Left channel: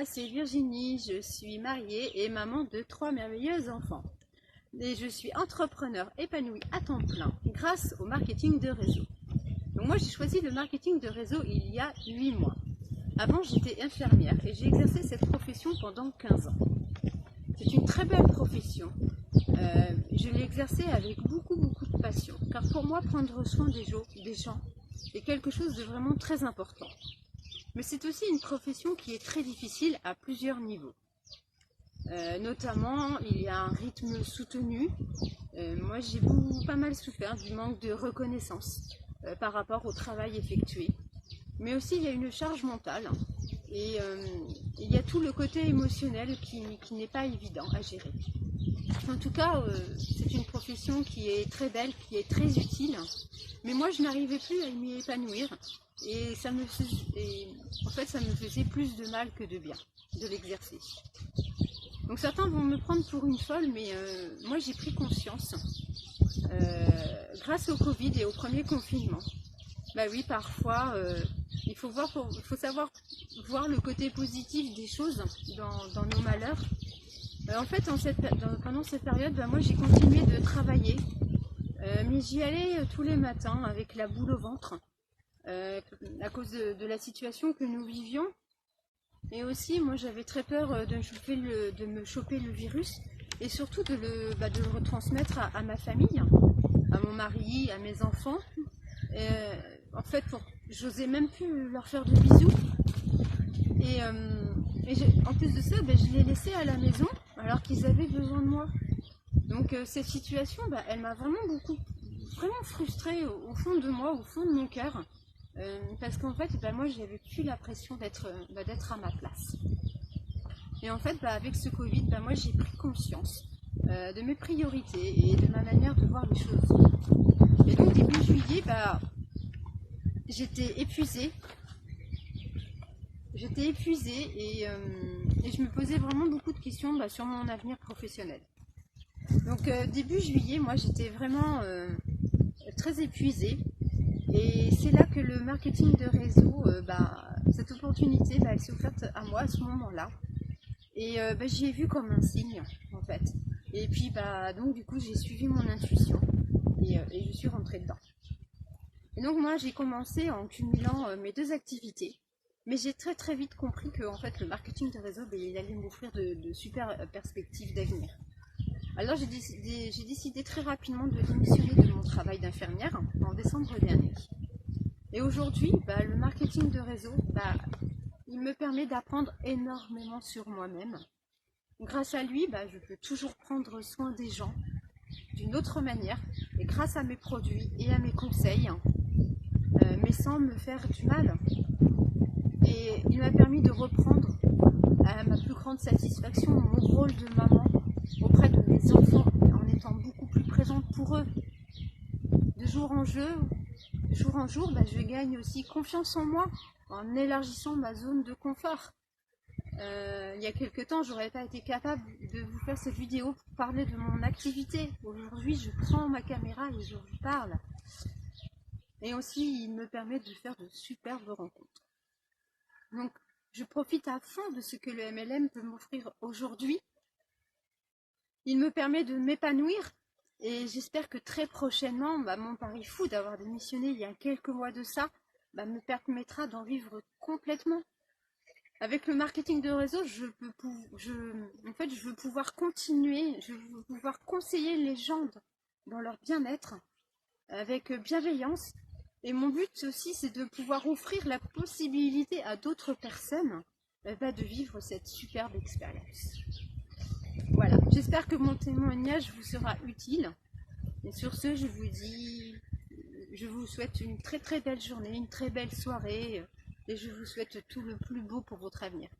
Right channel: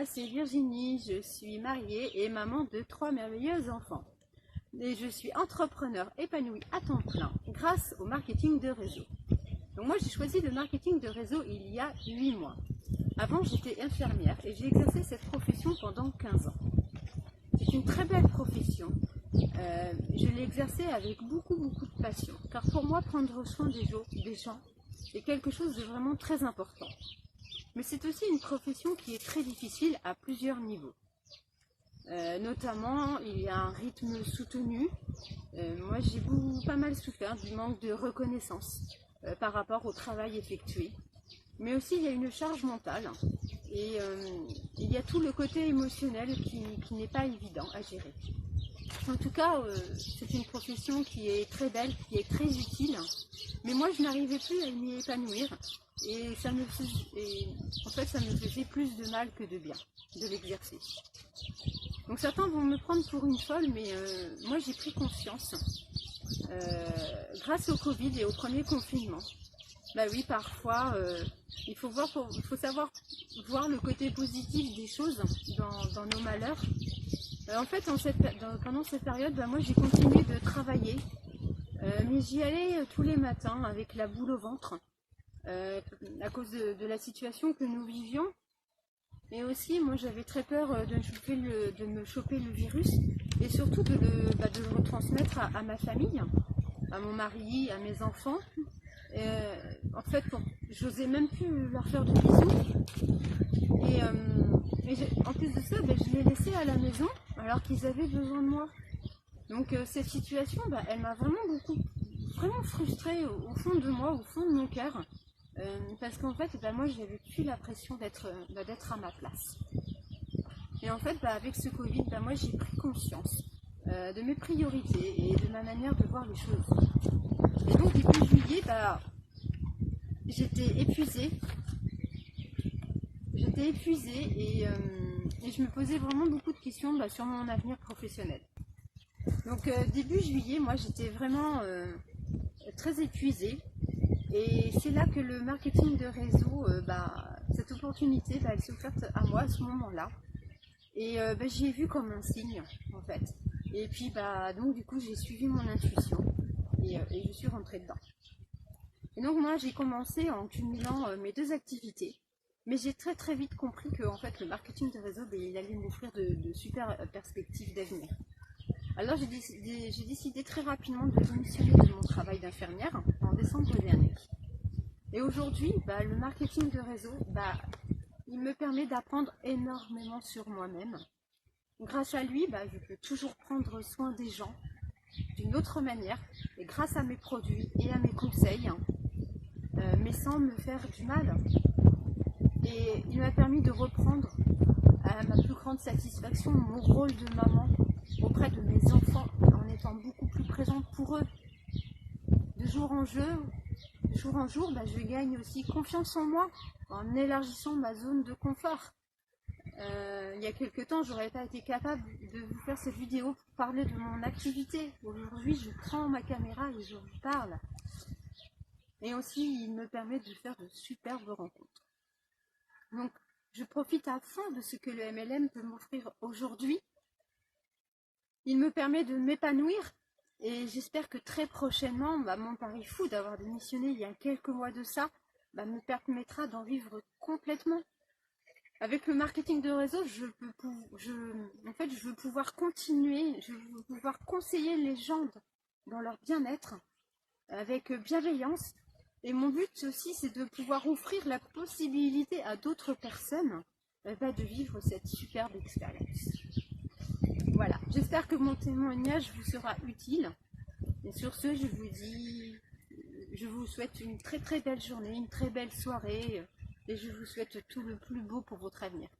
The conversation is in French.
moi c'est Virginie, je suis mariée et maman de 3 merveilleux enfants. Et je suis entrepreneur épanouie à temps plein grâce au marketing de réseau. Donc moi j'ai choisi le marketing de réseau il y a 8 mois. Avant j'étais infirmière et j'ai exercé cette profession pendant 15 ans. C'est une très belle profession. Je l'ai exercée avec beaucoup de passion. Car pour moi prendre soin des gens est quelque chose de vraiment très important. Mais c'est aussi une profession qui est très difficile à plusieurs niveaux. Notamment, il y a un rythme soutenu. Moi, j'ai pas mal souffert du manque de reconnaissance par rapport au travail effectué. Mais aussi, il y a une charge mentale et il y a tout le côté émotionnel qui n'est pas évident à gérer. En tout cas, c'est une profession qui est très belle, qui est très utile. Mais moi, je n'arrivais plus à m'y épanouir et ça me faisait plus de mal que de bien de l'exercer. Donc certains vont me prendre pour une folle, mais moi j'ai pris conscience grâce au Covid et au premier confinement. Bah oui, parfois il faut savoir voir le côté positif des choses dans nos malheurs. En fait, pendant cette période, bah, moi j'ai continué de travailler, mais j'y allais tous les matins avec la boule au ventre à cause de la situation que nous vivions. Mais aussi, moi j'avais très peur de me choper le virus et surtout de le retransmettre à ma famille, à mon mari, à mes enfants. En fait, j'osais même plus leur faire de bisous. Et en plus de ça, je les laissais à la maison alors qu'ils avaient besoin de moi. Donc cette situation, elle m'a vraiment frustrée au fond de moi, au fond de mon cœur. Parce qu'en fait, moi, j'avais plus la pression d'être à ma place. Et en fait, avec ce Covid, moi, j'ai pris conscience de mes priorités et de ma manière de voir les choses. Et donc, début juillet, j'étais épuisée. Et je me posais vraiment beaucoup de questions sur mon avenir professionnel. Donc, début juillet, moi, j'étais vraiment très épuisée. Et c'est là que le marketing de réseau, cette opportunité, elle s'est offerte à moi à ce moment-là. Et j'y ai vu comme un signe, en fait. Et puis, donc du coup, j'ai suivi mon intuition et je suis rentrée dedans. Et donc moi, j'ai commencé en cumulant mes deux activités. Mais j'ai très vite compris que en fait, le marketing de réseau, il allait m'offrir de super perspectives d'avenir. Alors j'ai décidé très rapidement de démissionner de mon travail d'infirmière en décembre dernier. Et aujourd'hui, le marketing de réseau, il me permet d'apprendre énormément sur moi-même. Grâce à lui, je peux toujours prendre soin des gens d'une autre manière, et grâce à mes produits et à mes conseils, mais sans me faire du mal. Et il m'a permis de reprendre à ma plus grande satisfaction mon rôle de maman auprès de mes enfants en étant beaucoup plus présente pour eux. De jour en jour, je gagne aussi confiance en moi en élargissant ma zone de confort. Il y a quelques temps, j'aurais pas été capable de vous faire cette vidéo pour parler de mon activité. Aujourd'hui, je prends ma caméra et je vous parle. Et aussi, il me permet de faire de superbes rencontres. Donc, je profite à fond de ce que le MLM peut m'offrir aujourd'hui. Il me permet de m'épanouir et j'espère que très prochainement, mon pari fou d'avoir démissionné il y a quelques mois de ça, me permettra d'en vivre complètement. Avec le marketing de réseau, je veux pouvoir continuer, je veux pouvoir conseiller les gens dans leur bien-être avec bienveillance. Et mon but aussi, c'est de pouvoir offrir la possibilité à d'autres personnes de vivre cette superbe expérience. Voilà, j'espère que mon témoignage vous sera utile. Et sur ce, je vous souhaite une très belle journée, une très belle soirée. Et je vous souhaite tout le plus beau pour votre avenir.